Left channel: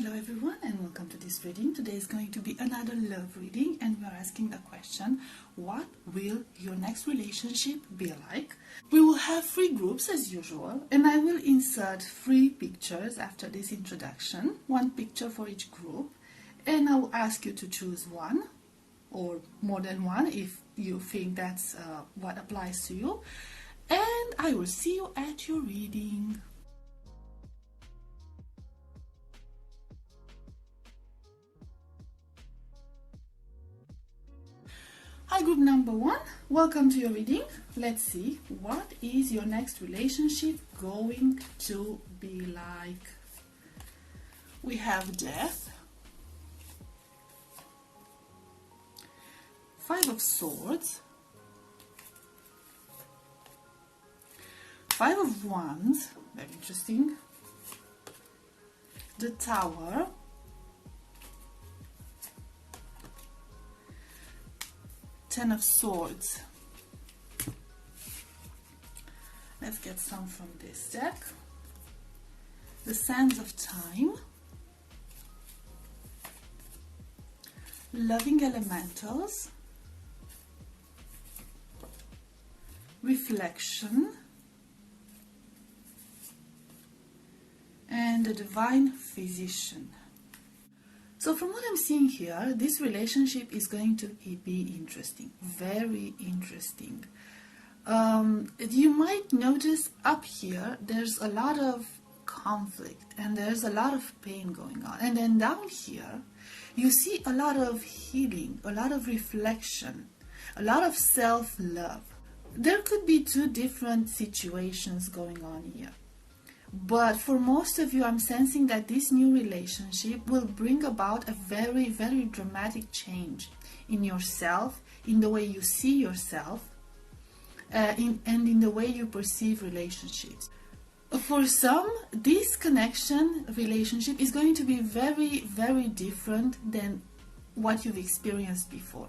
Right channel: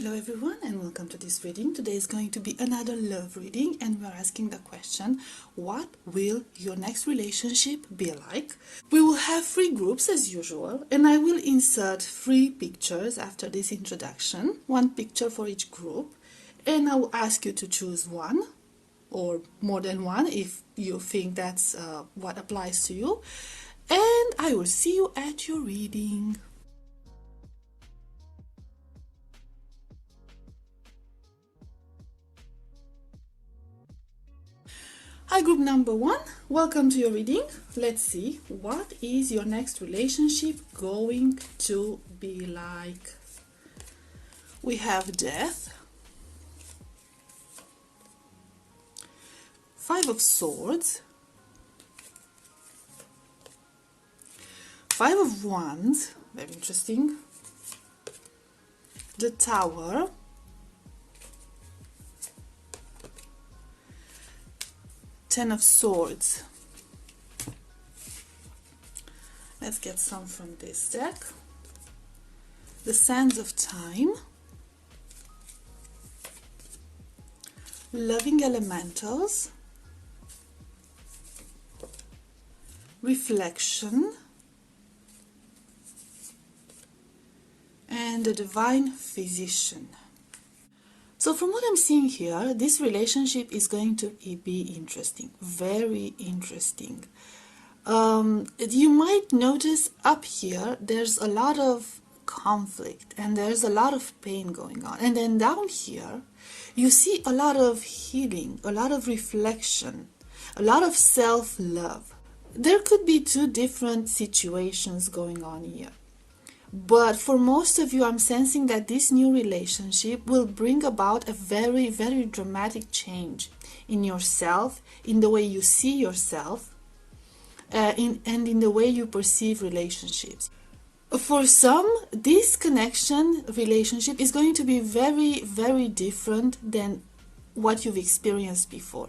Hello everyone and welcome to this reading. Today is going to be another love reading and we are asking the question, what will your next relationship be like? We will have 3 groups as usual and I will insert 3 pictures after this introduction, 1 picture for each group, and I will ask you to choose one or more than one if you think that's what applies to you, and I will see you at your reading. Hi group number 1, welcome to your reading. Let's see, what is your next relationship going to be like? We have Death, 5 of Swords, 5 of Wands, very interesting, the Tower, Ten of Swords. Let's get some from this deck. The Sands of Time, Loving Elementals, Reflection, and the Divine Physician. So from what I'm seeing here, this relationship is going to be interesting, very interesting. You might notice up here, there's a lot of conflict and there's a lot of pain going on. And then down here, you see a lot of healing, a lot of reflection, a lot of self-love. There could be 2 different situations going on here. But for most of you, I'm sensing that this new relationship will bring about a very, very dramatic change in yourself, in the way you see yourself, and in the way you perceive relationships. For some, this relationship is going to be very, very different than what you've experienced before.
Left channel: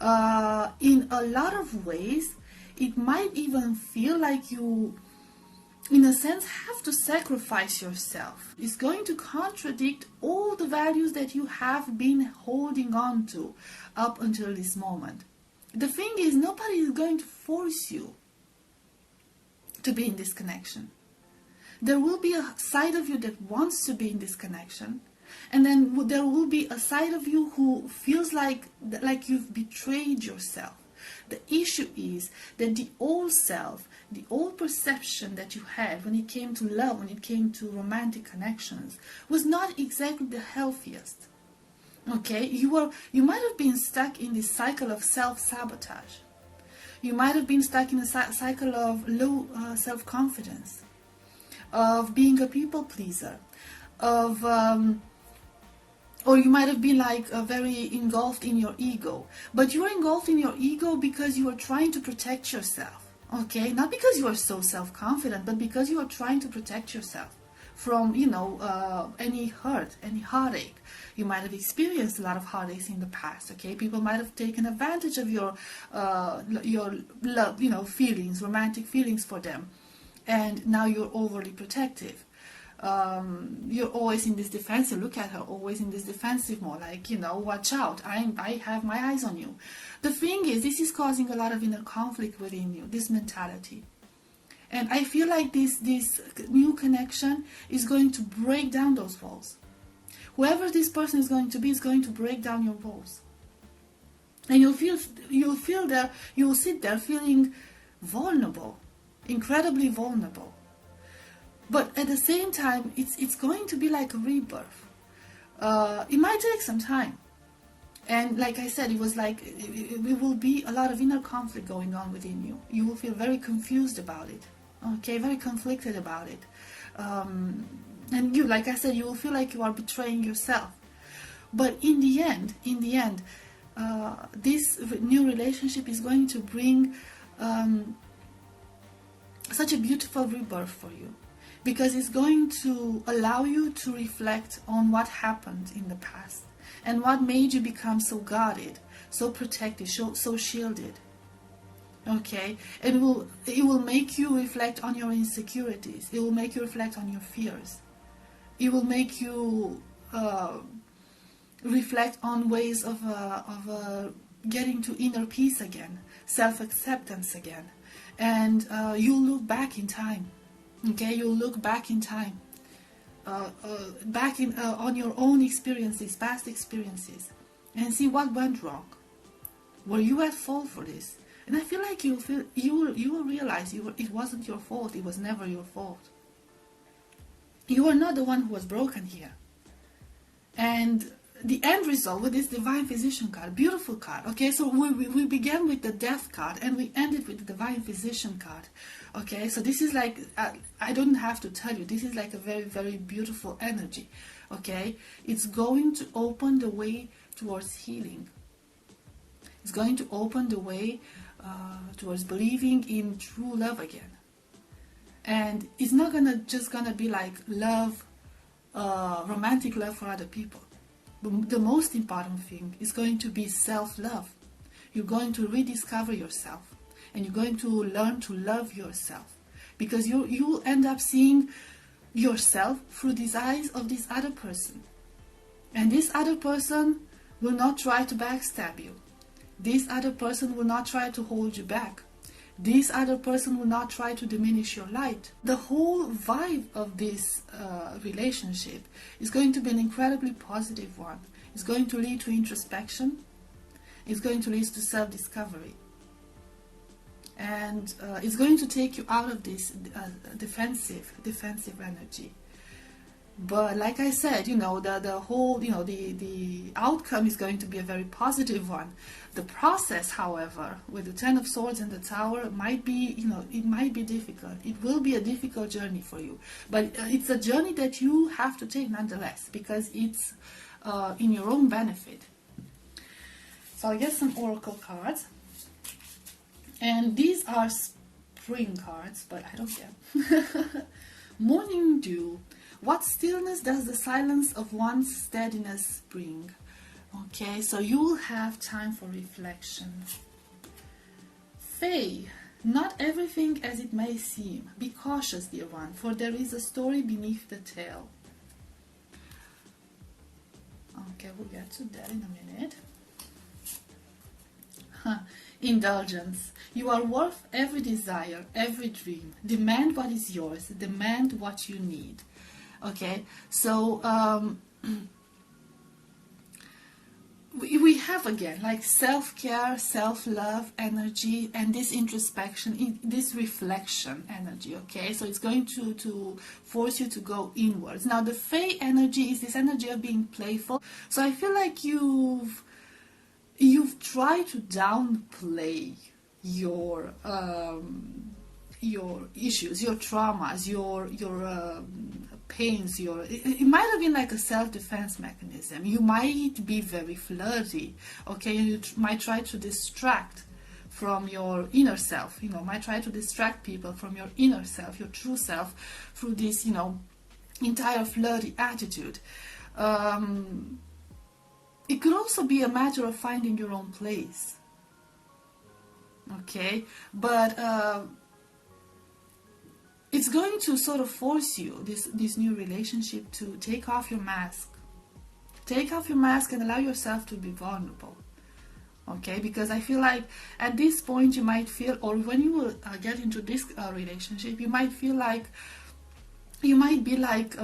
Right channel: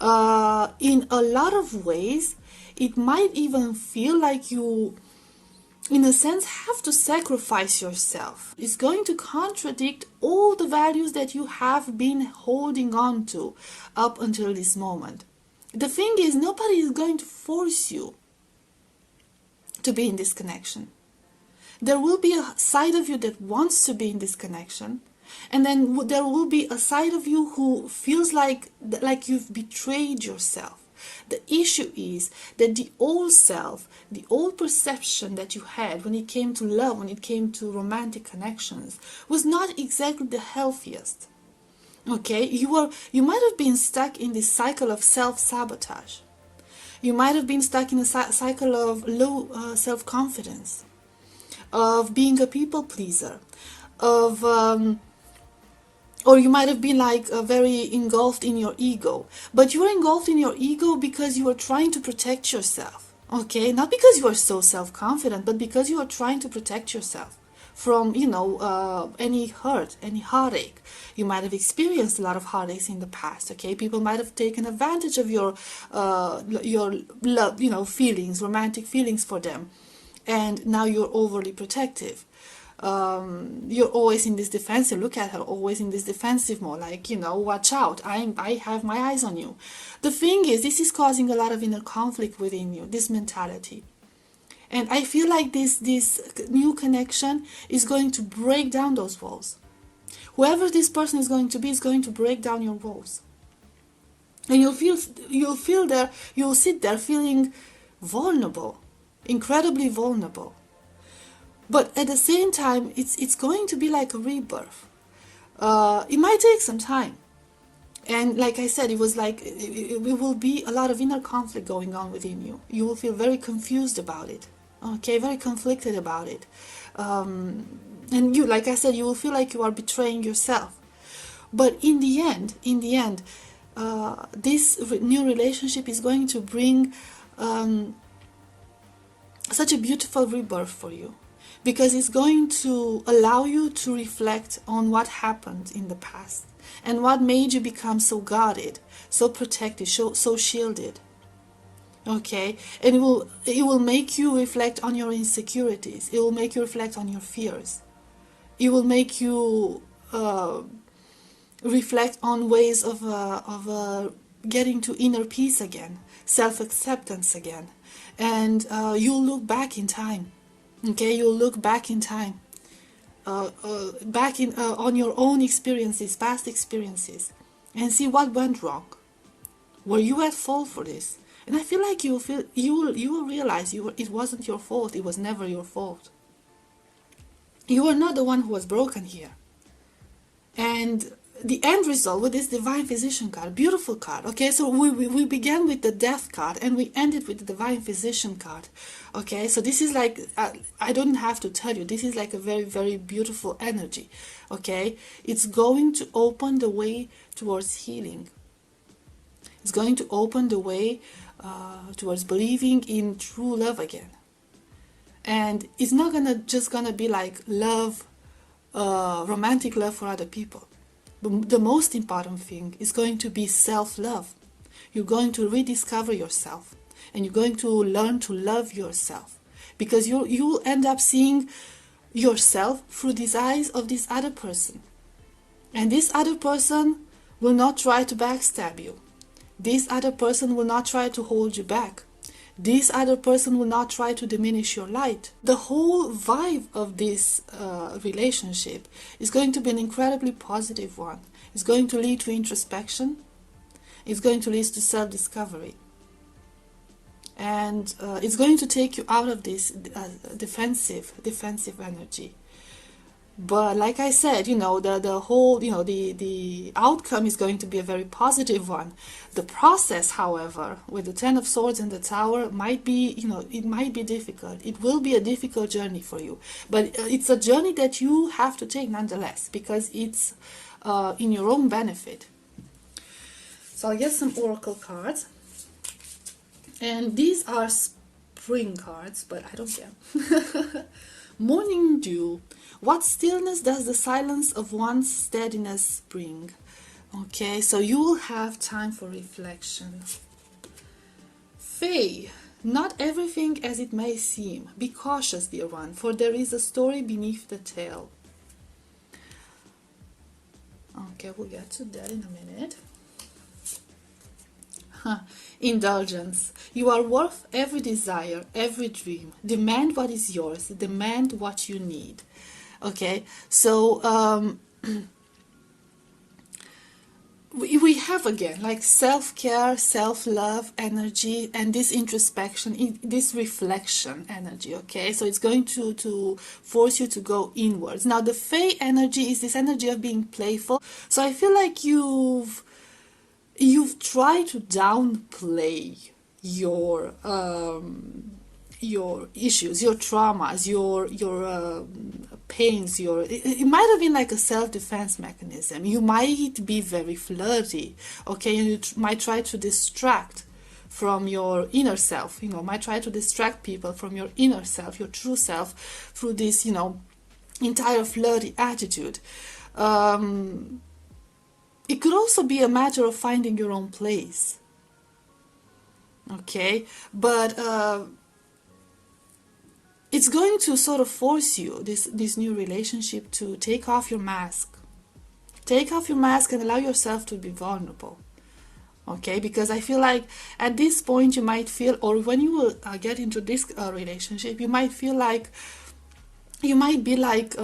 In a lot of ways, it might even feel like you, in a sense, have to sacrifice yourself. It's going to contradict all the values that you have been holding on to up until this moment. The thing is, nobody is going to force you to be in this connection. There will be a side of you that wants to be in this connection, and then there will be a side of you who feels like you've betrayed yourself. The issue is that the old self, the old perception that you had when it came to love, when it came to romantic connections, was not exactly the healthiest. Okay, you might have been stuck in this cycle of self-sabotage. You might have been stuck in a cycle of low self-confidence, of being a people pleaser, or you might have been very engulfed in your ego. But you were engulfed in your ego because you were trying to protect yourself. Okay, not because you are so self-confident, but because you are trying to protect yourself from, any hurt, any heartache. You might have experienced a lot of heartaches in the past. Okay, people might have taken advantage of your love, feelings, romantic feelings for them, and now you're overly protective. You're always in this defensive. Look at her, always in this defensive mode, watch out, I have my eyes on you. The thing is, this is causing a lot of inner conflict within you, this mentality. And I feel like this new connection is going to break down those walls. Whoever this person is going to be is going to break down your walls. And you'll sit there feeling vulnerable, incredibly vulnerable. But at the same time, it's going to be like a rebirth. It might take some time. And like I said, it will be a lot of inner conflict going on within you. You will feel very confused about it. Okay, very conflicted about it. And you, like I said, you will feel like you are betraying yourself. But in the end, this new relationship is going to bring such a beautiful rebirth for you. Because it's going to allow you to reflect on what happened in the past and what made you become so guarded, so protected, so shielded. Okay, and it will make you reflect on your insecurities. It will make you reflect on your fears. It will make you reflect on ways of getting to inner peace again, self-acceptance again. And you'll look back in time. Okay, you'll look back in time, back in on your own experiences, past experiences, and see what went wrong. Were you at fault for this? And I feel like you will realize it wasn't your fault. It was never your fault. You are not the one who was broken here. And the end result with this Divine Physician card, beautiful card. Okay, so we began with the Death card and we ended with the Divine Physician card. Okay, so this is like, I don't have to tell you, this is like a very, very beautiful energy. Okay, it's going to open the way towards healing. It's going to open the way towards believing in true love again. And it's not just gonna be like love, romantic love for other people. The most important thing is going to be self-love. You're going to rediscover yourself, and you're going to learn to love yourself, because you will end up seeing yourself through these eyes of this other person. And this other person will not try to backstab you. This other person will not try to hold you back. This other person will not try to diminish your light. The whole vibe of this relationship is going to be an incredibly positive one. It's going to lead to introspection. It's going to lead to self-discovery. And it's going to take you out of this defensive energy. But like I said, the whole, the outcome is going to be a very positive one. The process, however, with the Ten of Swords and the Tower might be, it might be difficult. It will be a difficult journey for you. But it's a journey that you have to take nonetheless, because it's in your own benefit. So I'll get some oracle cards. And these are spring cards, but I don't care. Morning dew. What stillness does the silence of one's steadiness bring? Okay, so you will have time for reflection. Faye, not everything as it may seem. Be cautious, dear one, for there is a story beneath the tale. Okay, we'll get to that in a minute. Indulgence. You are worth every desire, every dream. Demand what is yours. Demand what you need. Okay, so we have again like self-care, self-love energy, and this introspection, this reflection energy. Okay, so it's going to force you to go inwards. Now the Fae energy is this energy of being playful. So I feel like you've tried to downplay your issues, your traumas, your pains, it might have been like a self-defense mechanism. You might be very flirty, okay, and you might try to distract from your inner self, might try to distract people from your inner self, your true self, through this, entire flirty attitude. It could also be a matter of finding your own place, okay, but it's going to sort of force you, this new relationship, to take off your mask. Take off your mask and allow yourself to be vulnerable. Okay, because I feel like at this point you might feel, or when you will get into this relationship, you might feel like, you might be like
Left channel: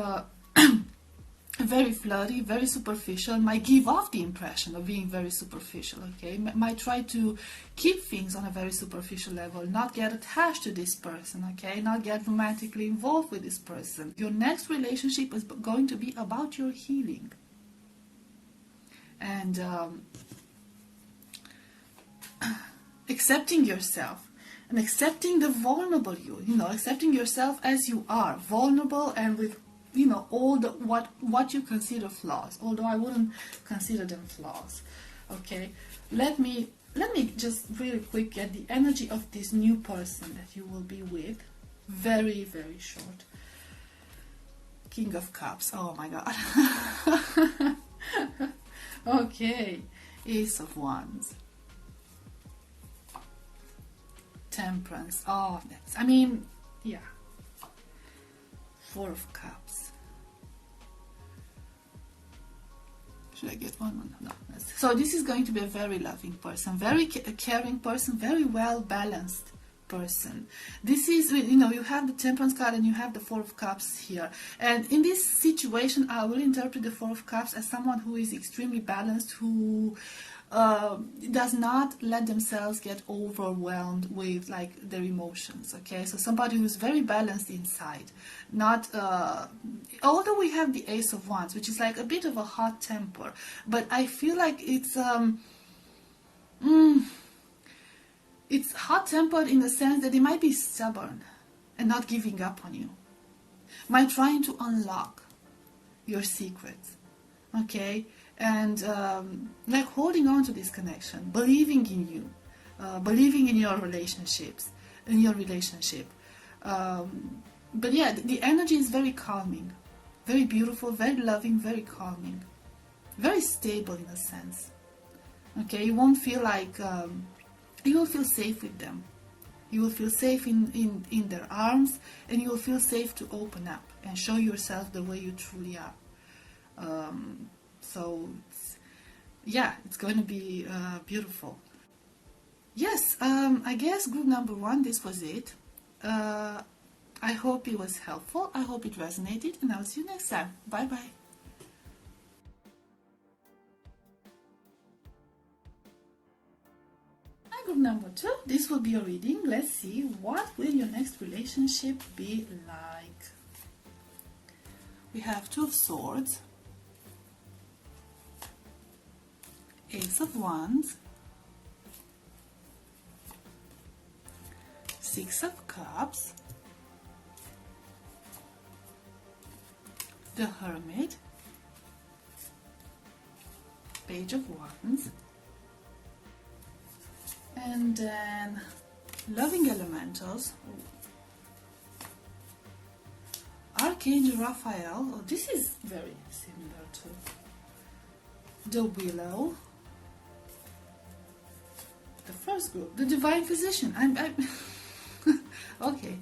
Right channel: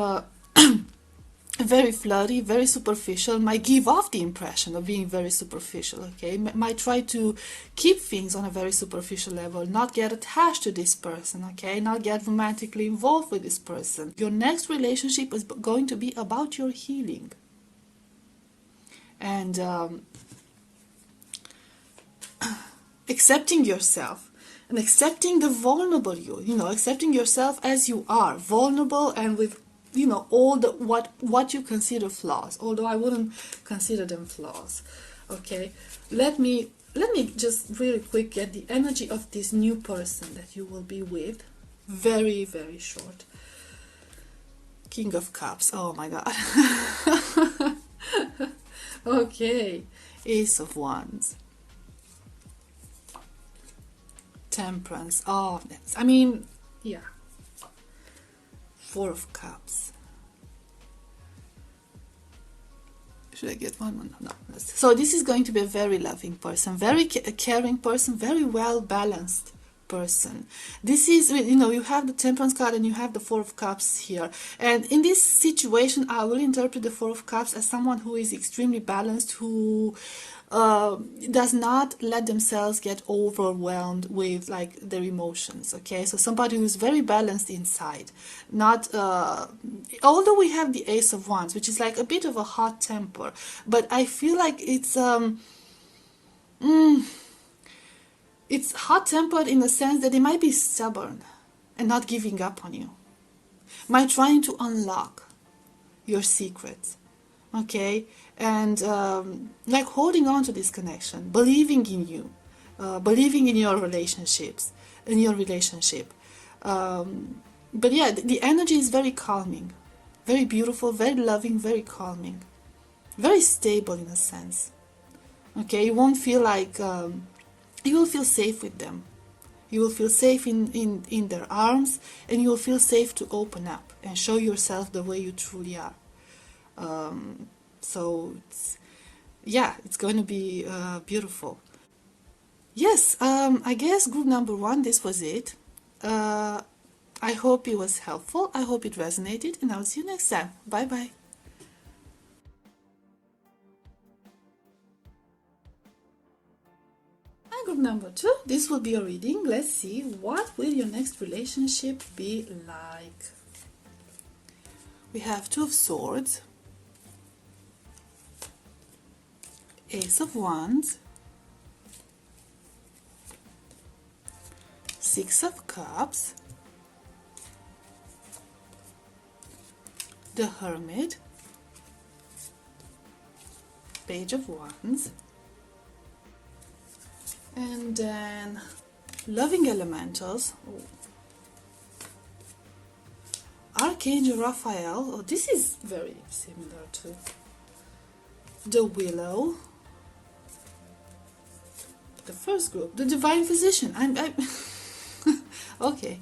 very flirty, very superficial, might give off the impression of being very superficial, okay? Might try to keep things on a very superficial level, not get attached to this person, okay? Not get romantically involved with this person. Your next relationship is going to be about your healing. And accepting yourself and accepting the vulnerable you, accepting yourself as you are, vulnerable and with all the what you consider flaws, although I wouldn't consider them flaws. Okay, let me just really quick get the energy of this new person that you will be with. Very, very short. King of Cups. Oh my god. Okay, Ace of Wands. Temperance. Oh, I mean, yeah. Four of Cups. Should I get one? No. So this is going to be a very loving person, very caring person, very well balanced person. This is, you know, you have the Temperance card and you have the Four of Cups here. And in this situation, I will interpret the Four of Cups as someone who is extremely balanced, who does not let themselves get overwhelmed with like their emotions. Okay, so somebody who's very balanced inside, not although we have the Ace of Wands, which is like a bit of a hot temper, but I feel like it's hot tempered in the sense that they might be stubborn and not giving up on you, might trying to unlock your secrets. Okay, and like holding on to this connection, believing in you, believing in your relationships, in your relationship. But yeah, the energy is very calming, very beautiful, very loving, very calming, very stable in a sense. Okay, you won't feel like you will feel safe with them. You will feel safe in their arms, and you will feel safe to open up and show yourself the way you truly are. So it's going to be beautiful. Yes, I guess group number 1, this was it. I hope it was helpful. I hope it resonated, and I'll see you next time. Bye bye. Hi, group number 2. This will be a reading. Let's see, what will your next relationship be like? We have Two of Swords, Ace of Wands, Six of Cups, the Hermit, Page of Wands, and then Loving Elementals, Archangel Raphael. Oh, this is very similar to the Willow. The first group, the Divine Physician. I'm okay.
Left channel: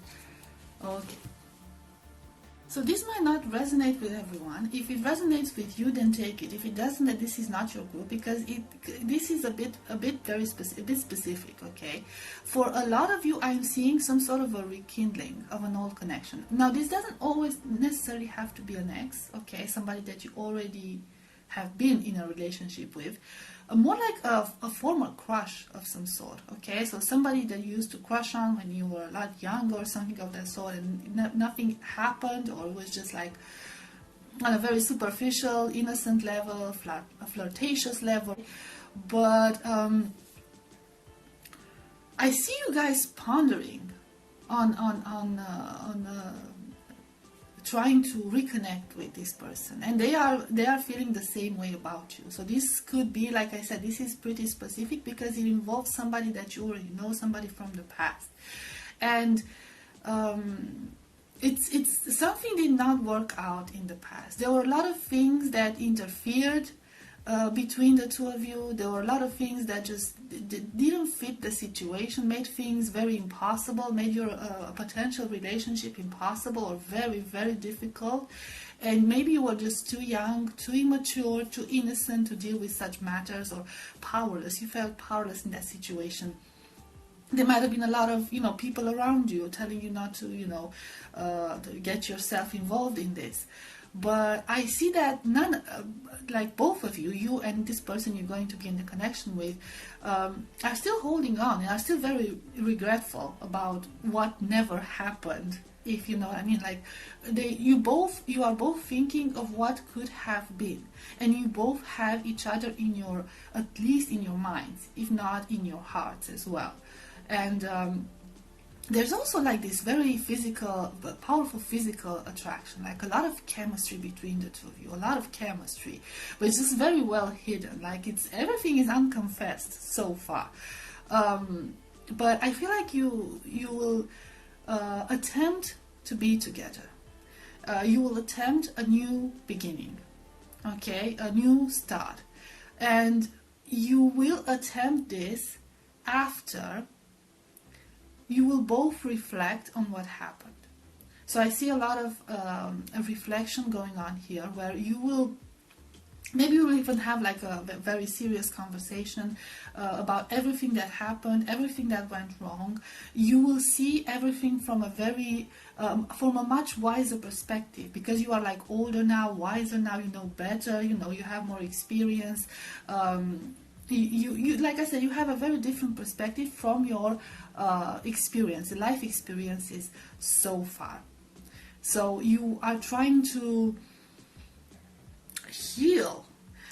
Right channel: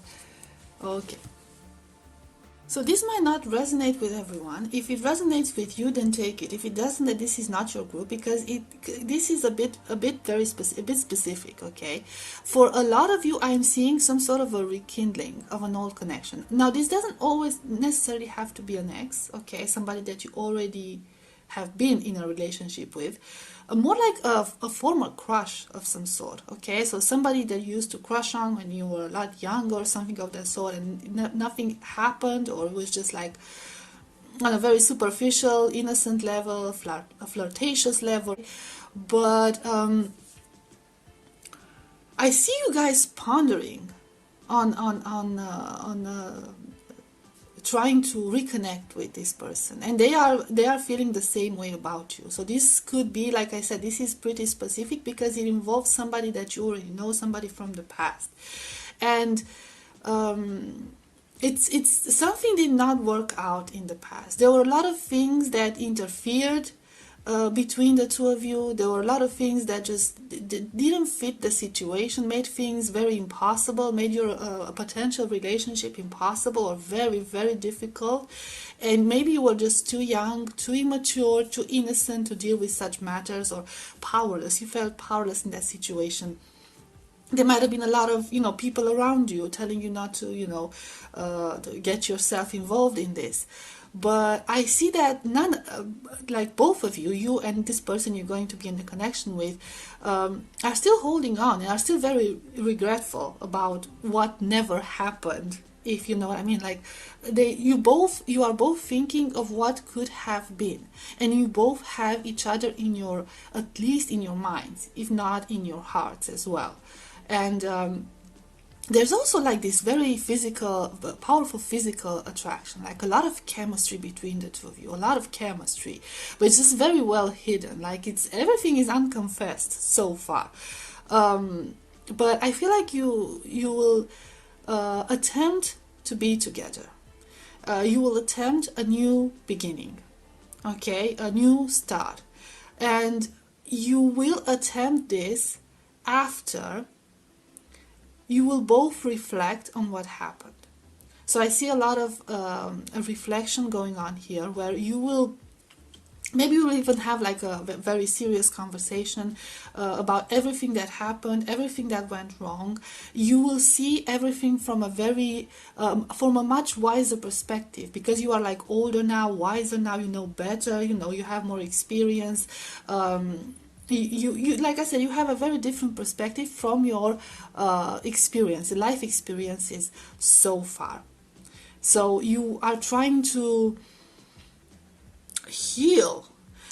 So this might not resonate with everyone. If it resonates with you, then take it. If it doesn't, then this is not your group, because this is a bit very specific. Okay, for a lot of you, I am seeing some sort of a rekindling of an old connection. Now, this doesn't always necessarily have to be an ex. Okay, somebody that you already have been in a relationship with. More like a former crush of some sort. Okay, so somebody that you used to crush on when you were a lot younger or something of that sort, and nothing happened, or it was just like on a very superficial, innocent level, a flirtatious level. But I see you guys pondering on trying to reconnect with this person, and they are feeling the same way about you. So this could be, like I said, this is pretty specific because it involves somebody that you already know, somebody from the past, and it's something did not work out in the past. There were a lot of things that interfered between the two of you. There were a lot of things that just didn't fit the situation, made things very impossible, made your potential relationship impossible or very, very difficult. And maybe you were just too young, too immature, too innocent to deal with such matters, or powerless. You felt powerless in that situation. There might have been a lot of, people around you telling you not to, to get yourself involved in this. But I see that like both of you, you and this person you're going to be in the connection with, are still holding on and are still very regretful about what never happened, if you know what I mean. Like you are both thinking of what could have been, and you both have each other at least in your minds, if not in your hearts as well. And there's also like this very physical, powerful physical attraction, like a lot of chemistry between the two of you, a lot of chemistry, but it's just very well hidden. Like everything is unconfessed so far. But I feel like you will attempt to be together. You will attempt a new beginning, okay, a new start, and you will attempt this after you will both reflect on what happened. So I see a lot of a reflection going on here, where you will Maybe we'll even have like a very serious conversation about everything that happened, everything that went wrong. You will see everything from from a much wiser perspective, because you are like older now, wiser now, you know better, you know, you have more experience. You like I said, you have a very different perspective from your life experiences so far. So you are trying to heal,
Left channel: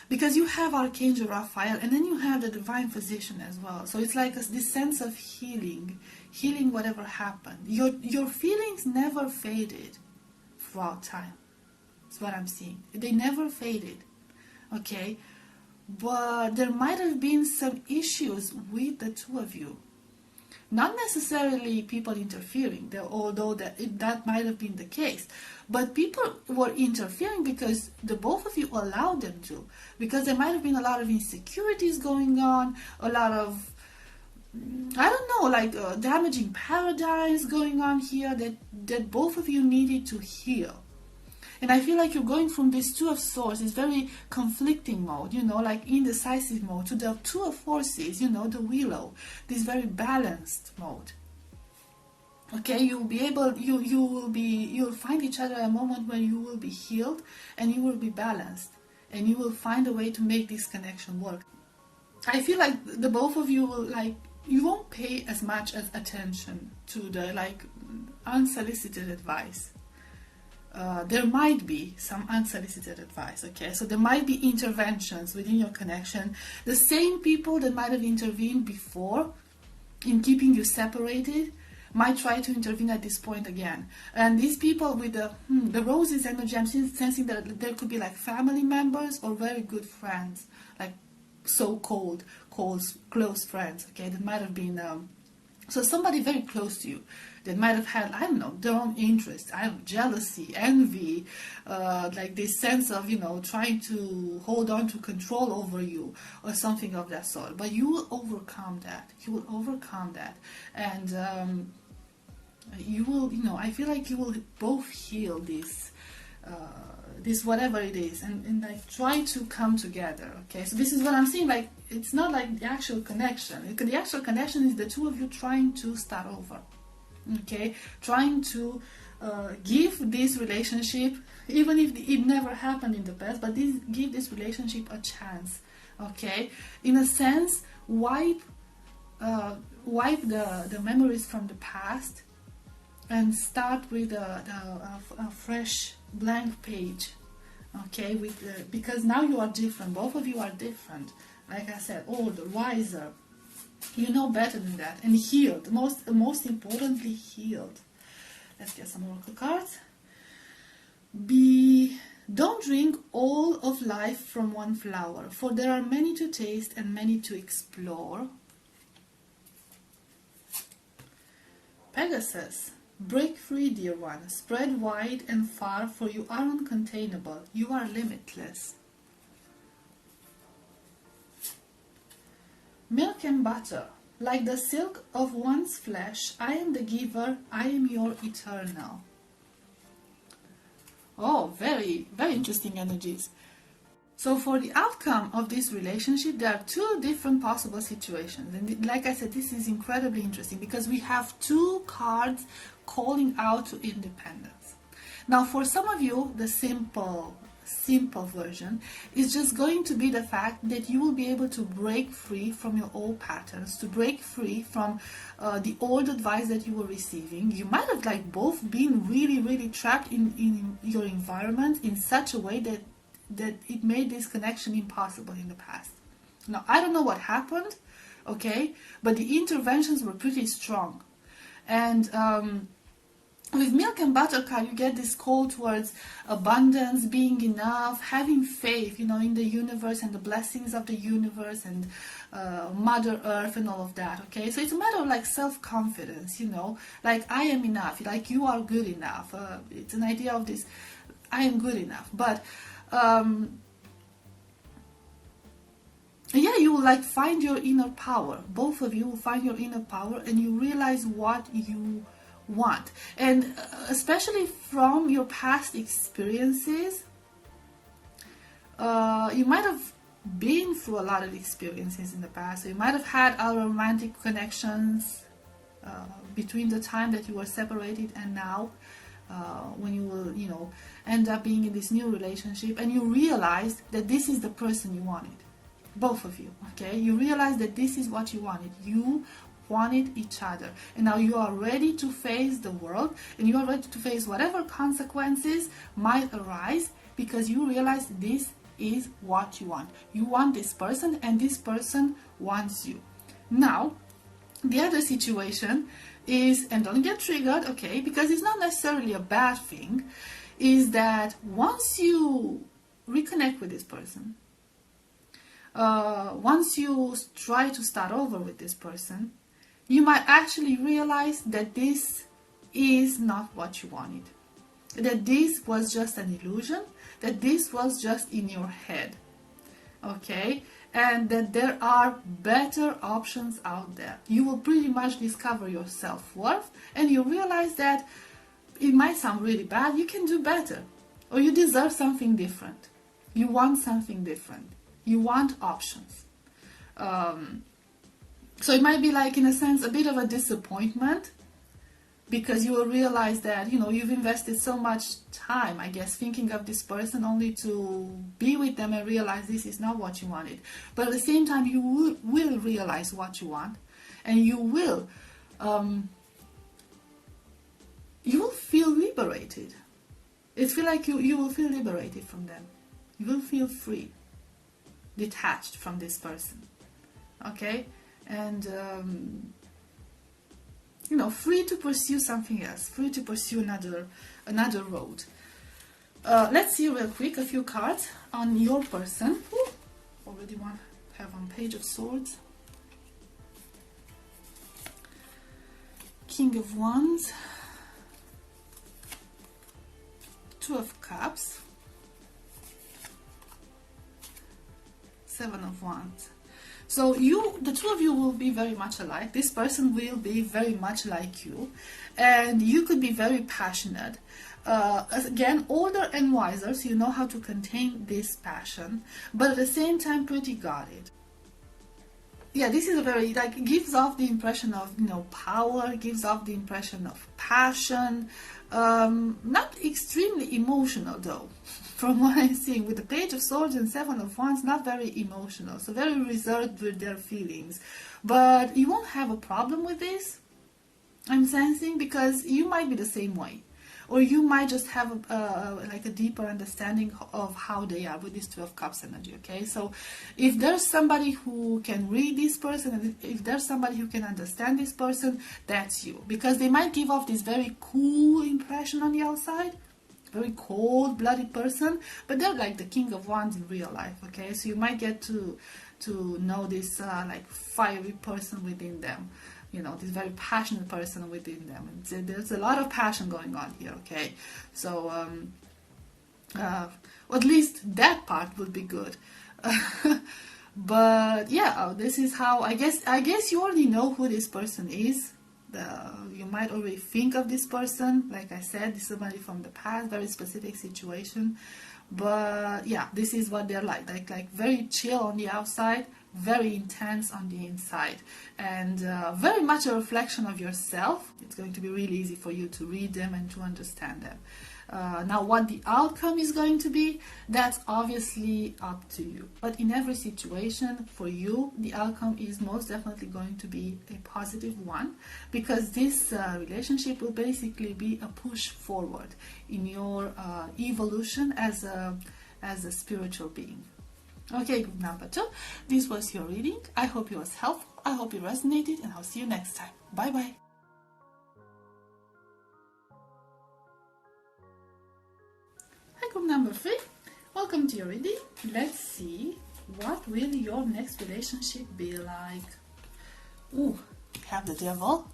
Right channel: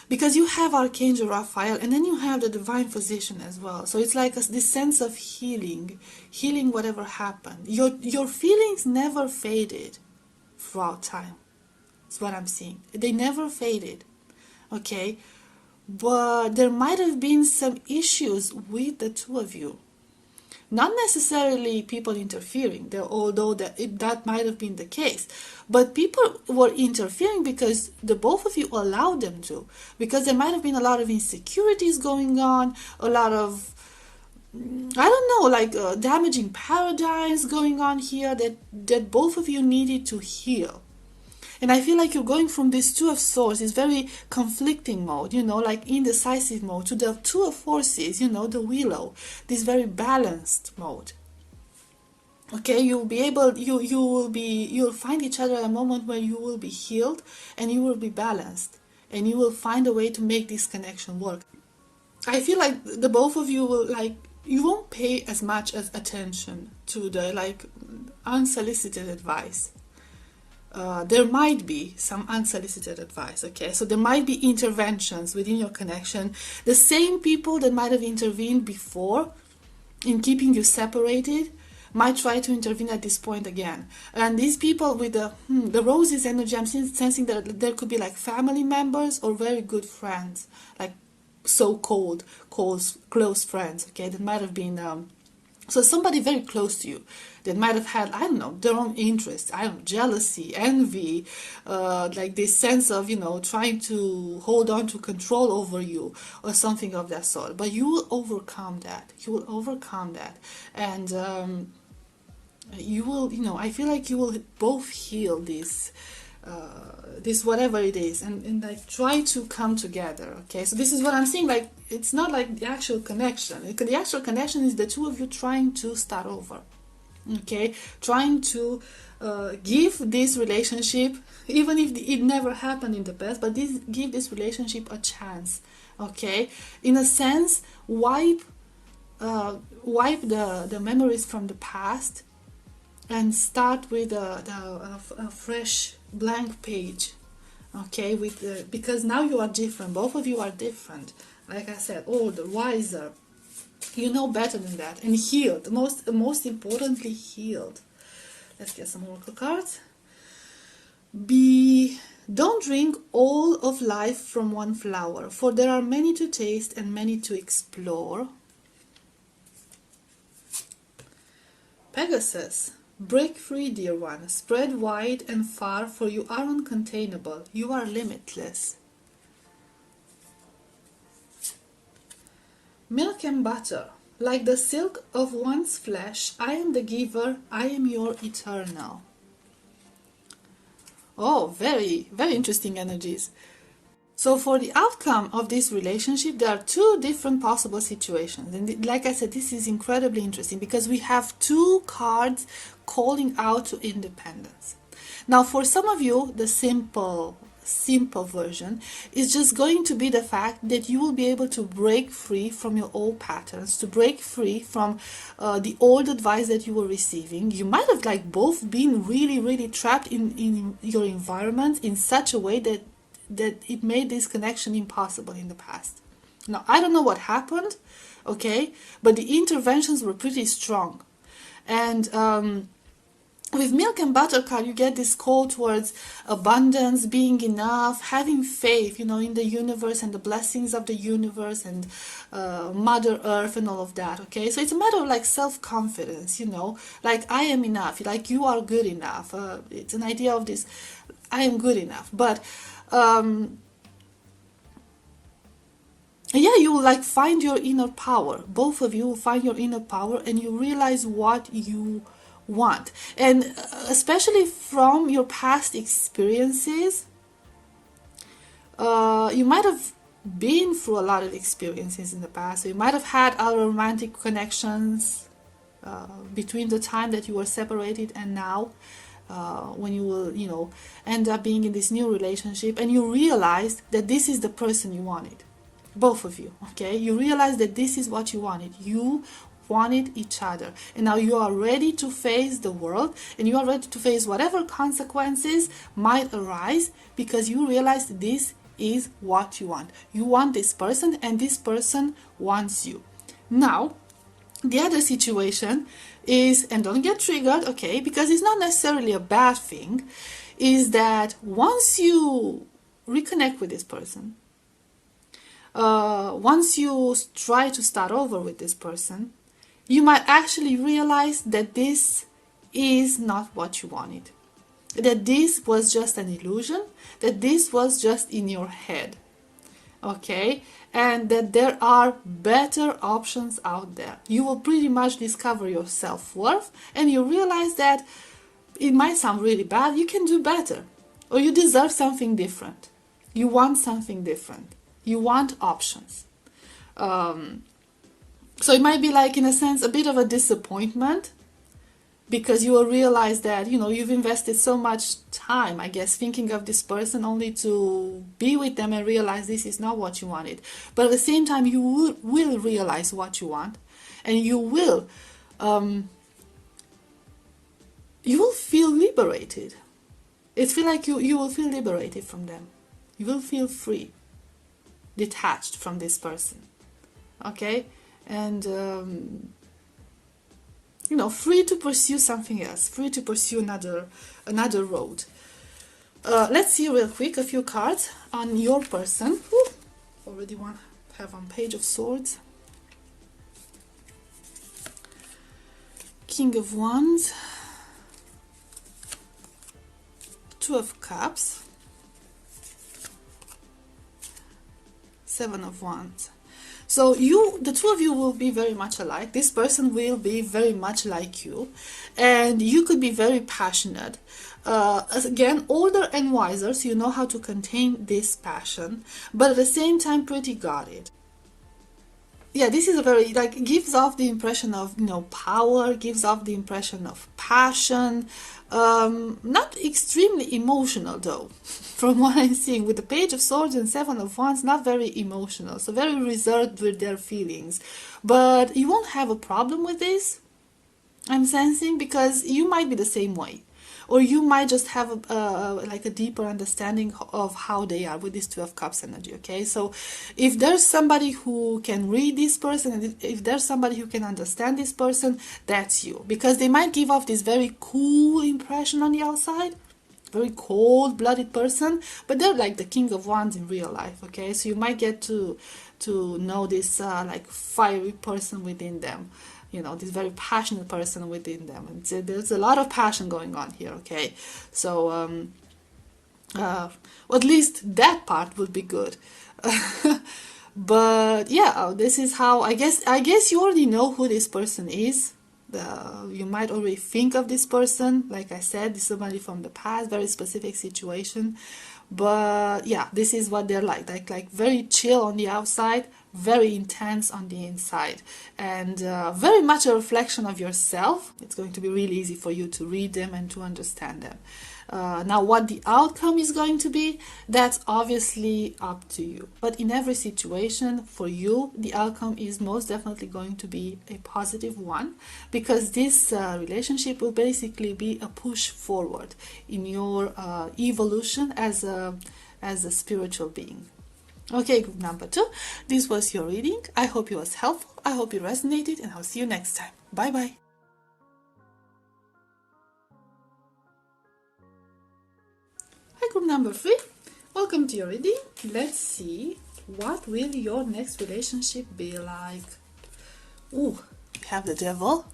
because you have Archangel Raphael and then you have the Divine Physician as well. So it's like this sense of healing whatever happened. Your feelings never faded throughout time. That's what I'm seeing. They never faded. Okay, but there might have been some issues with the two of you. Not necessarily people interfering, although that might have been the case. But people were interfering because the both of you allowed them to. Because there might have been a lot of insecurities going on, a lot of, I don't know, like damaging paradigms going on here that both of you needed to heal. And I feel like you're going from this Two of Swords, this very conflicting mode, you know, like indecisive mode, to the Two of Forces, you know, the Willow, this very balanced mode. Okay, you'll find each other at a moment where you will be healed and you will be balanced, and you will find a way to make this connection work. I feel like the both of you will, like, you won't pay as much as attention to the like unsolicited advice. There might be some unsolicited advice, okay? So there might be interventions within your connection. The same people that might have intervened before in keeping you separated might try to intervene at this point again. And these people with the roses energy, I'm sensing that there could be like family members or very good friends, like so-called close friends, okay? That might have been so somebody very close to you that might have had, I don't know, their own interests, I don't know, jealousy, envy, like this sense of, you know, trying to hold on to control over you or something of that sort. But you will overcome that. You will overcome that. And you will, you know, I feel like you will both heal this whatever it is, and like try to come together. Okay, so this is what I'm seeing. Like, it's not like the actual connection. The actual connection is the two of you trying to start over. Okay, trying to give this relationship, even if it never happened in the past, but give this relationship a chance. Okay, in a sense, wipe the memories from the past and start with a fresh blank page. Okay, because now you are different. Both of you are different. Like I said, older, wiser. You know better than that, and healed. Most importantly, healed. Let's get some oracle cards. Don't drink all of life from one flower, for there are many to taste and many to explore. Pegasus. Break free, dear one. Spread wide and far, for you are uncontainable. You are limitless. Milk and butter. Like the silk of one's flesh, I am the giver, I am your eternal. Oh, very, very interesting energies. So for the outcome of this relationship, there are two different possible situations. And like I said, this is incredibly interesting because we have two cards calling out to independence. Now, for some of you, the simple version is just going to be the fact that you will be able to break free from your old patterns, to break free from the old advice that you were receiving. You might have like both been really trapped in your environment in such a way that it made this connection impossible in the past. Now, I don't know what happened, okay, but the interventions were pretty strong. And with milk and butter card, you get this call towards abundance, being enough, having faith, you know, in the universe and the blessings of the universe and Mother Earth and all of that, okay? So it's a matter of like self-confidence, you know, like I am enough, like you are good enough. It's an idea of this, I am good enough. But yeah, you will like find your inner power. Both of you will find your inner power and you realize what you want. And especially from your past experiences, You might have been through a lot of experiences in the past. So you might have had other romantic connections between the time that you were separated and now, when you will, end up being in this new relationship, and you realized that this is the person you wanted, both of you. Okay, you realized that this is what you wanted. You wanted each other, and now you are ready to face the world, and you are ready to face whatever consequences might arise, because you realize this is what you want. You want this person, and this person wants you. Now, the other situation is, and don't get triggered, okay, because it's not necessarily a bad thing, is that once you reconnect with this person, once you try to start over with this person, you might actually realize that this is not what you wanted. That this was just an illusion, that this was just in your head. Okay? And that there are better options out there. You will pretty much discover your self-worth, and you realize that it might sound really bad, you can do better. Or you deserve something different. You want something different. You want options. So it might be like, in a sense, a bit of a disappointment, because you will realize that, you've invested so much time, I guess, thinking of this person, only to be with them and realize this is not what you wanted. But at the same time, you will realize what you want, and you will feel liberated. It feels like you will feel liberated from them. You will feel free, detached from this person. Okay? And free to pursue something else, free to pursue another road. Let's see real quick a few cards on your person. Ooh, already have on Page of Swords, King of Wands, Two of Cups, Seven of Wands. So the two of you will be very much alike. This person will be very much like you, and you could be very passionate. Again, older and wiser, so you know how to contain this passion, but at the same time pretty guarded. Yeah, this is a very, gives off the impression of, power, gives off the impression of passion, not extremely emotional though, from what I'm seeing. With the Page of Swords and Seven of Wands, not very emotional, so very reserved with their feelings. But you won't have a problem with this, I'm sensing, because you might be the same way. Or you might just have a deeper understanding of how they are with this Two of Cups energy, okay? So if there's somebody who can read this person, and if there's somebody who can understand this person, that's you. Because they might give off this very cool impression on the outside, very cold-blooded person, but they're like the King of Wands in real life, okay? So you might get to know this fiery person within them. This very passionate person within them, and so there's a lot of passion going on here, okay? So at least that part would be good. But yeah, this is how I guess you already know who this person is. You might already think of this person. Like I said, this is somebody from the past, very specific situation. But yeah, this is what they're like very chill on the outside, very intense on the inside, and very much a reflection of yourself. It's going to be really easy for you to read them and to understand them. Now, what the outcome is going to be, that's obviously up to you. But in every situation, for you, the outcome is most definitely going to be a positive one, because this relationship will basically be a push forward in your evolution as a spiritual being. Okay, group number 2, this was your reading. I hope it was helpful. I hope it resonated, and I'll see you next time. Bye bye. Hi, group number 3. Welcome to your reading. Let's see, what will your next relationship be like? Ooh, we have the Devil,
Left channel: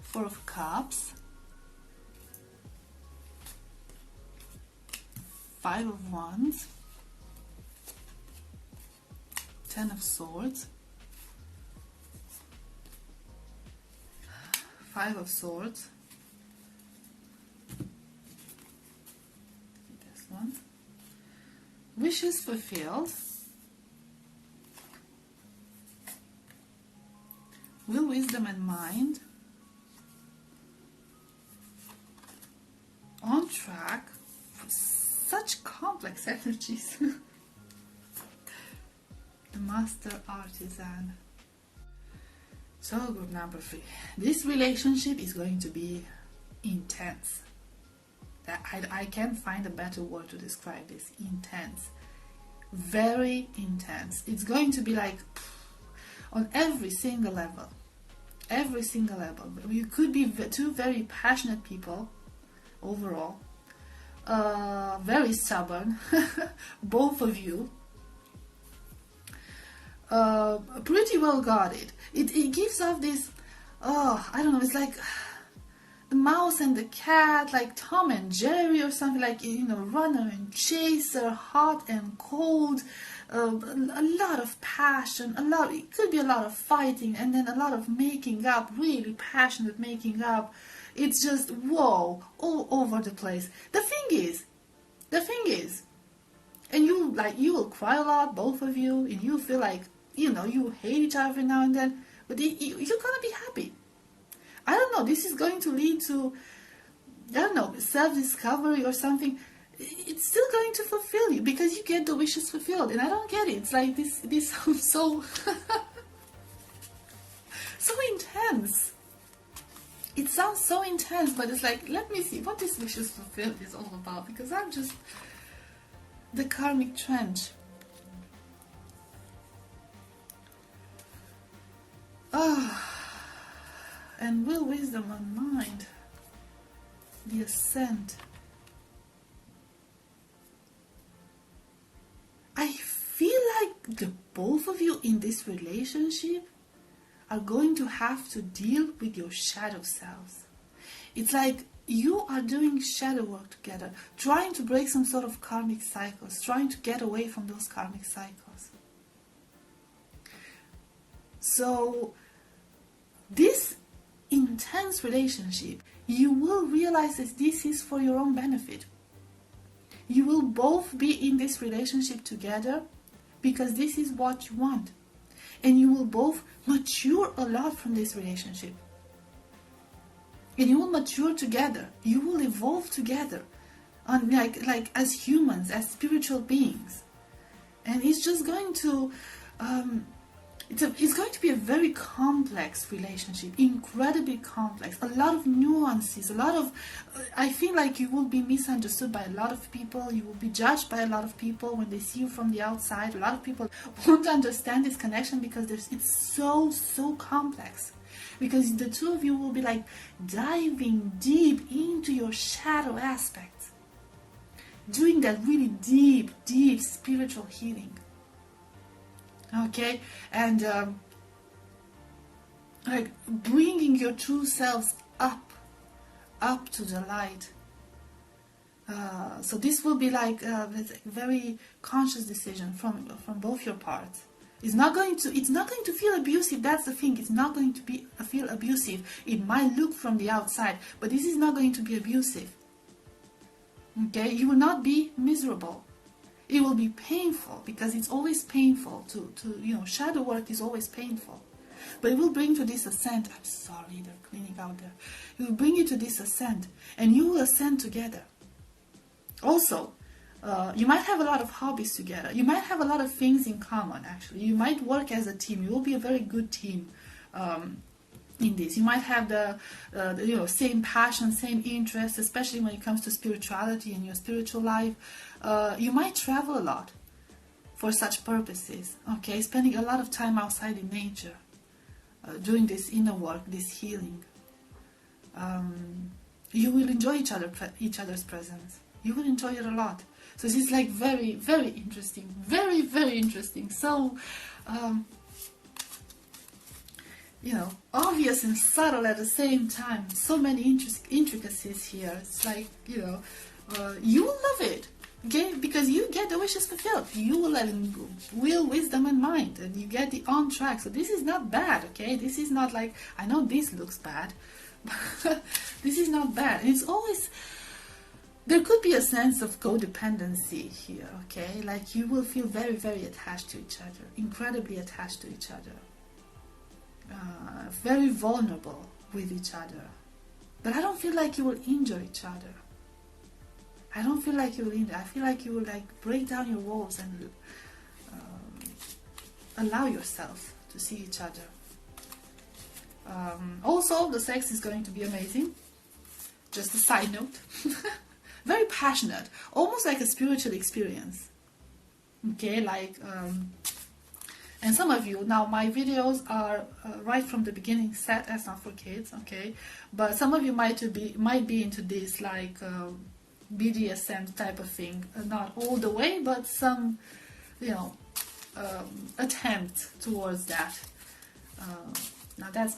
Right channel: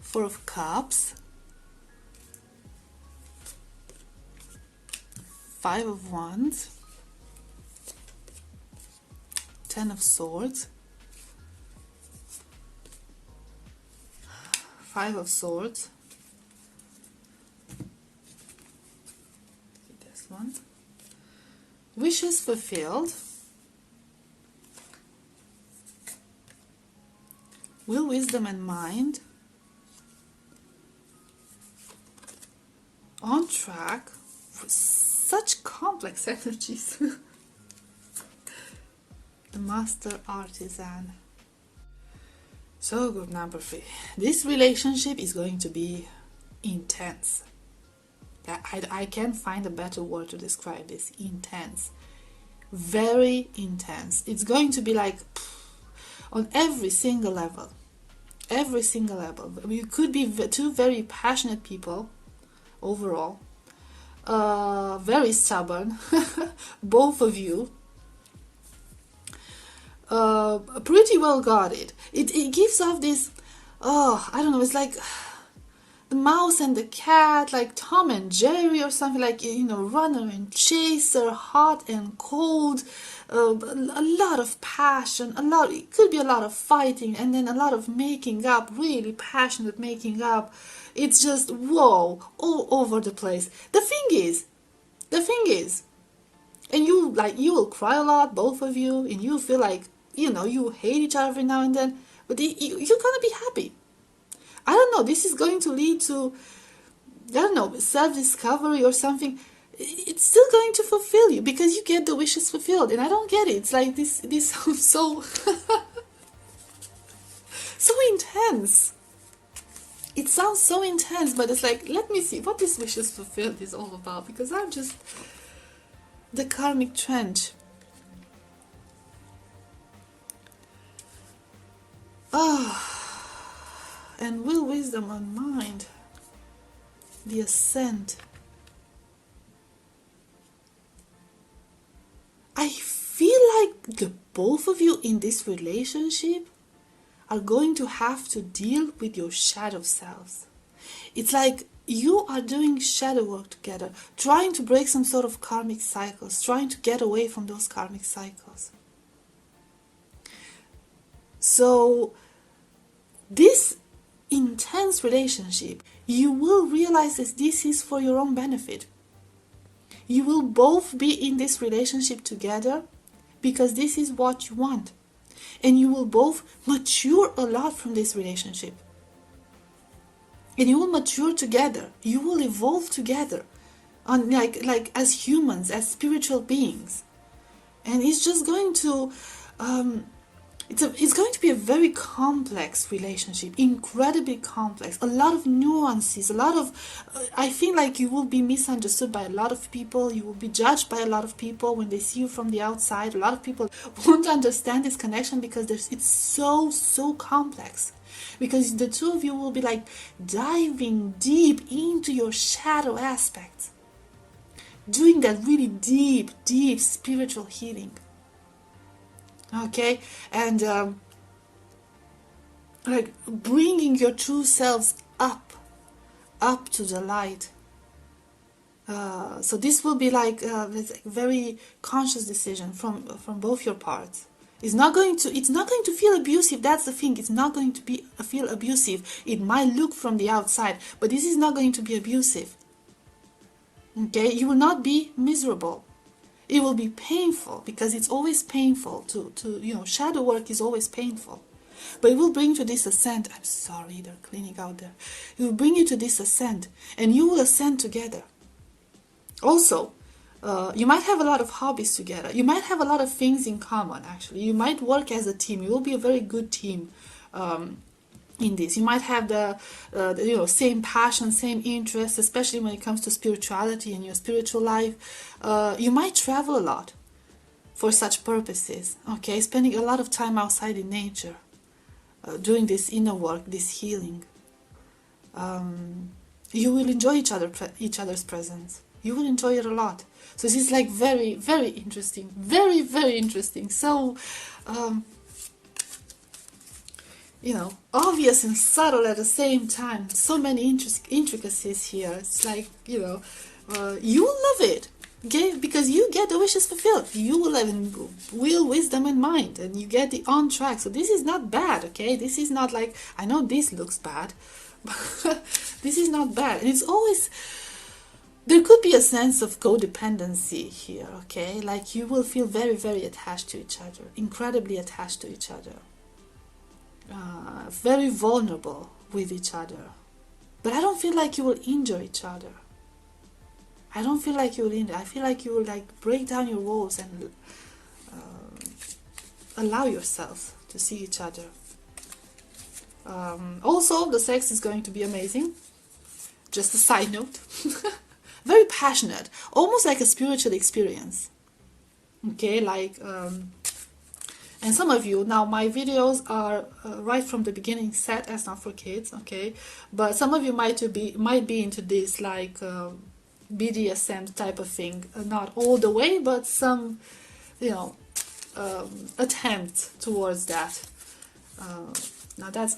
Four of Cups, Five of Wands, Ten of Swords, Five of Swords, on. Wishes fulfilled. Will, wisdom, and mind. On track. Such complex energies. The master artisan. So group number 3. This relationship is going to be intense. I can't find a better word to describe this. Intense. Very intense. It's going to be like on every single level. Every single level. You could be two very passionate people overall. Very stubborn. Both of you. Pretty well guarded. It gives off this, I don't know, it's like the mouse and the cat, like Tom and Jerry or something, like, runner and chaser, hot and cold, a lot of passion, it could be a lot of fighting, and then a lot of making up, really passionate making up. It's just, whoa, all over the place. The thing is, and you will cry a lot, both of you, and you feel like, you hate each other every now and then, but you're gonna be happy. I don't know, this is going to lead to, self-discovery or something. It's still going to fulfill you because you get the wishes fulfilled, and I don't get it. It's like this sounds so so intense. It sounds so intense, but it's like, let me see what this wishes fulfilled is all about, because I'm just the karmic trench. And will, wisdom, and mind. The ascent. I feel like the both of you in this relationship are going to have to deal with your shadow selves. It's like you are doing shadow work together, trying to break some sort of karmic cycles, trying to get away from those karmic cycles. So this intense relationship, you will realize that this is for your own benefit. You will both be in this relationship together because this is what you want. And you will both mature a lot from this relationship. And you will mature together. You will evolve together. On like as humans, as spiritual beings. And it's just going to it's going to be a very complex relationship, incredibly complex, a lot of nuances, a lot of, I feel like you will be misunderstood by a lot of people, you will be judged by a lot of people when they see you from the outside. A lot of people won't understand this connection because it's so complex. Because the two of you will be like diving deep into your shadow aspects, doing that really deep spiritual healing. Okay, and like bringing your true selves up to the light. So this will be like a very conscious decision from both your parts. It's not going to feel abusive. That's the thing. It's not going to feel abusive. It might look from the outside, but this is not going to be abusive. Okay, you will not be miserable. It will be painful because it's always painful to shadow work is always painful. But it will bring to this ascent. I'm sorry, they're cleaning out there. It will bring you to this ascent, and you will ascend together. Also, you might have a lot of hobbies together. You might have a lot of things in common, actually. You might work as a team. You will be a very good team in this. You might have the same passion, same interests, especially when it comes to spirituality and your spiritual life. You might travel a lot for such purposes, okay? Spending a lot of time outside in nature, doing this inner work, this healing. You will enjoy each other's presence. You will enjoy it a lot. So this is like very, very interesting. Very, very interesting. So, obvious and subtle at the same time. So many intricacies here. It's like, you will love it. Okay? Because you get the wishes fulfilled. You will have will, wisdom, and mind. And you get the on track. So this is not bad, okay? This is not like, I know this looks bad. But this is not bad. And it's always, There could be a sense of codependency here, okay? Like you will feel very, very attached to each other, incredibly attached to each other, very vulnerable with each other. But I don't feel like you will injure each other. I don't feel like you will injure. I feel like you will like break down your walls and allow yourself to see each other. Also, the sex is going to be amazing. Just a side note. Very passionate, almost like a spiritual experience. Okay, like, and some of you, now my videos are right from the beginning set as not for kids, okay? But some of you might be into this, like, BDSM type of thing. Not all the way, but some, you know, attempt towards that. Now that's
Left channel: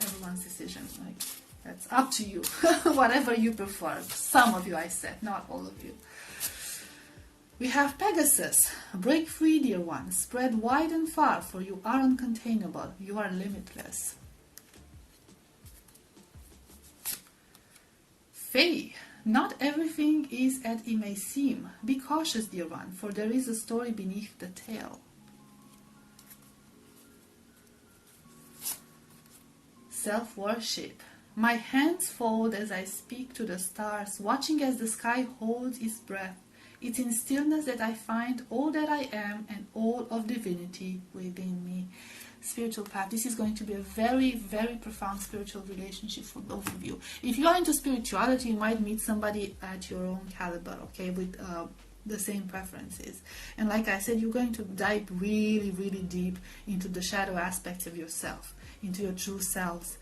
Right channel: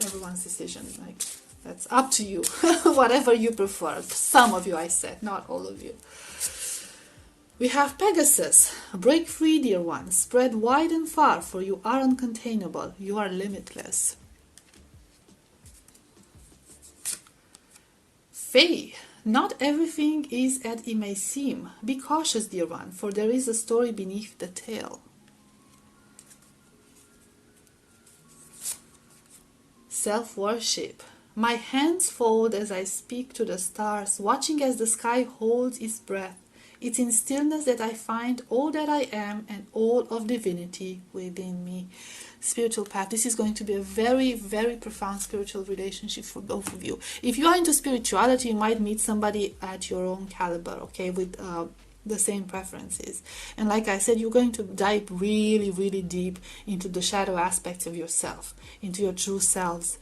everyone's decision. Like, that's up to you. Whatever you prefer. Some of you, I said, not all of you. We have Pegasus. Break free, dear one. Spread wide and far, for you are uncontainable. You are limitless. Faye. Not everything is as it may seem. Be cautious, dear one, for there is a story beneath the tale. Self-worship. My hands fold as I speak to the stars, watching as the sky holds its breath. It's in stillness that I find all that I am and all of divinity within me. Spiritual path. This is going to be a very, very profound spiritual relationship for both of you. If you are into spirituality, you might meet somebody at your own caliber, okay, with the same preferences. And like I said, you're going to dive really, really deep into the shadow aspects of yourself, into your true selves.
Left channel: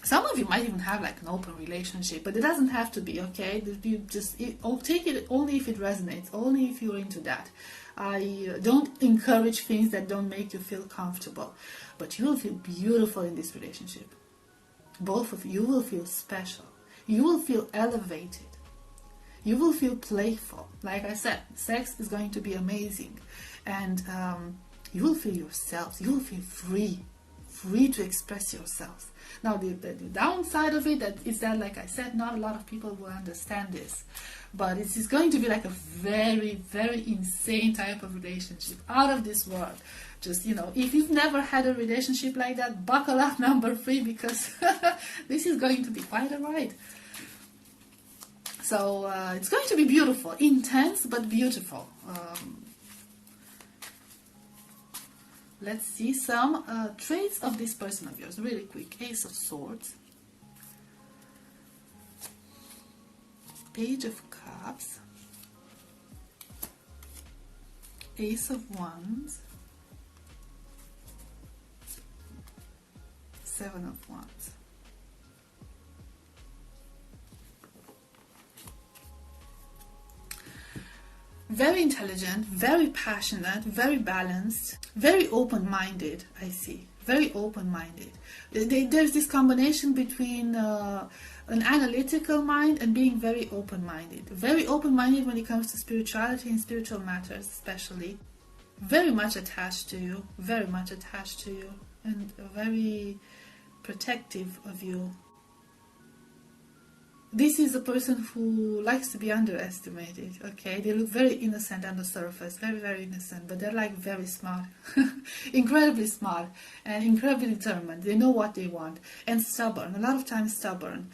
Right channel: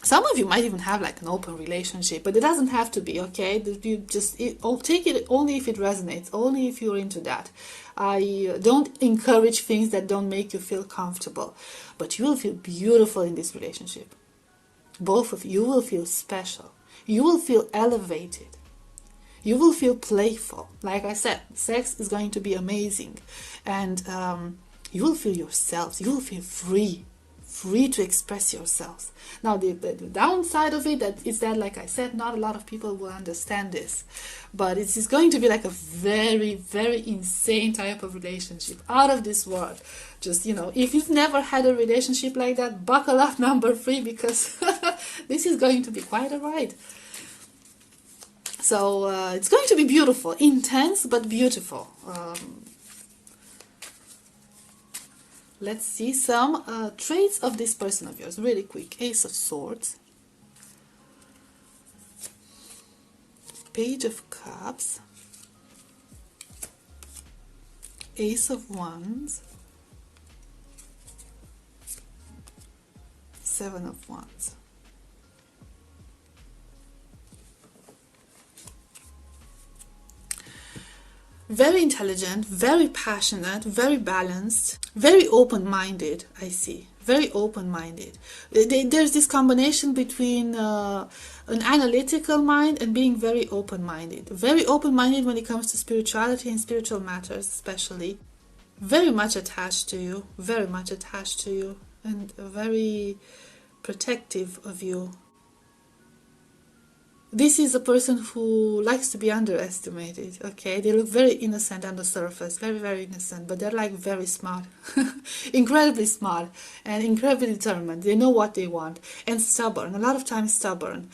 Some of you might even have like an open relationship, but it doesn't have to be, okay? You just take it only if it resonates, only if you're into that. I don't encourage things that don't make you feel comfortable, but you will feel beautiful in this relationship. Both of you will feel special. You will feel elevated. You will feel playful. Like I said, sex is going to be amazing, and you will feel yourselves. You will feel free to express yourselves. Now the downside of it is that, like I said, not a lot of people will understand this, but it is going to be like a very, very insane type of relationship, out of this world. Just, you know, if you've never had a relationship like that, buckle up, number 3, because this is going to be quite a ride. So it's going to be beautiful, intense but beautiful. Let's see some traits of this person of yours, really quick. Ace of Swords, Page of Cups, Ace of Wands, 7 of Wands. Very intelligent, very passionate, very balanced, very open-minded, I see. Very open-minded. There's this combination between an analytical mind and being very open-minded. Very open-minded when it comes to spirituality and spiritual matters especially. Very much attached to you, and very protective of you. This is a person who likes to be underestimated, okay? They look very innocent on the surface, very, very innocent, but they're like very smart, incredibly smart and incredibly determined. They know what they want, and stubborn, a lot of times stubborn,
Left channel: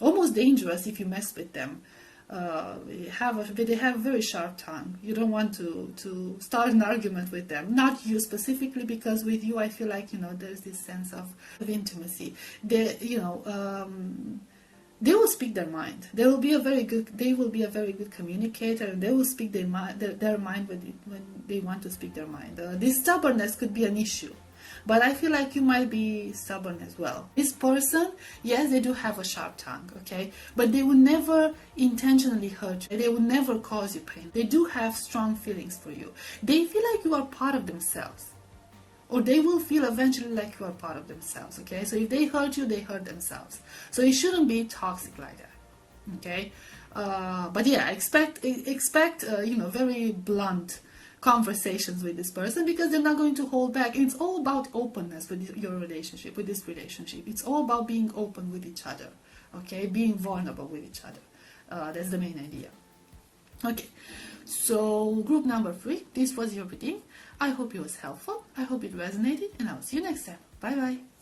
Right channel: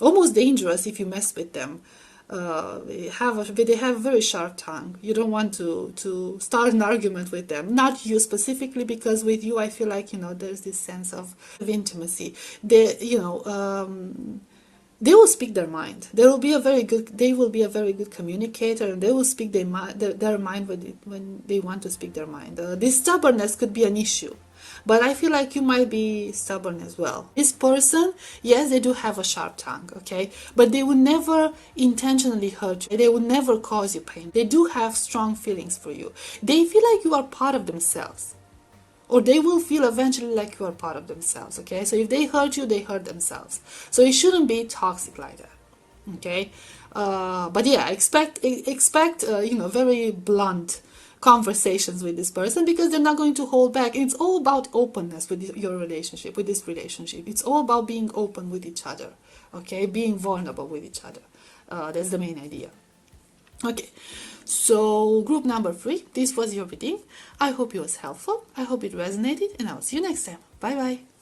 almost dangerous if you mess with them. They have a very sharp tongue. You don't want to start an argument with them. Not you specifically, because with you I feel like, you know, there's this sense of intimacy. They will speak their mind. They will be a very good communicator, and they will speak their mind when they want to speak their mind. This stubbornness could be an issue, but I feel like you might be stubborn as well. This person, yes, they do have a sharp tongue, okay, but they will never intentionally hurt you. They will never cause you pain. They do have strong feelings for you. They feel like you are part of themselves, or they will feel eventually like you are part of themselves, okay? So if they hurt you, they hurt themselves. So it shouldn't be toxic like that, okay? But yeah, expect very blunt conversations with this person, because they're not going to hold back. And it's all about openness with your relationship, with this relationship. It's all about being open with each other, Okay, being vulnerable with each other. That's the main idea. Okay, so group number 3, this was your reading. I hope it was helpful. I hope it resonated, and I'll see you next time. Bye bye.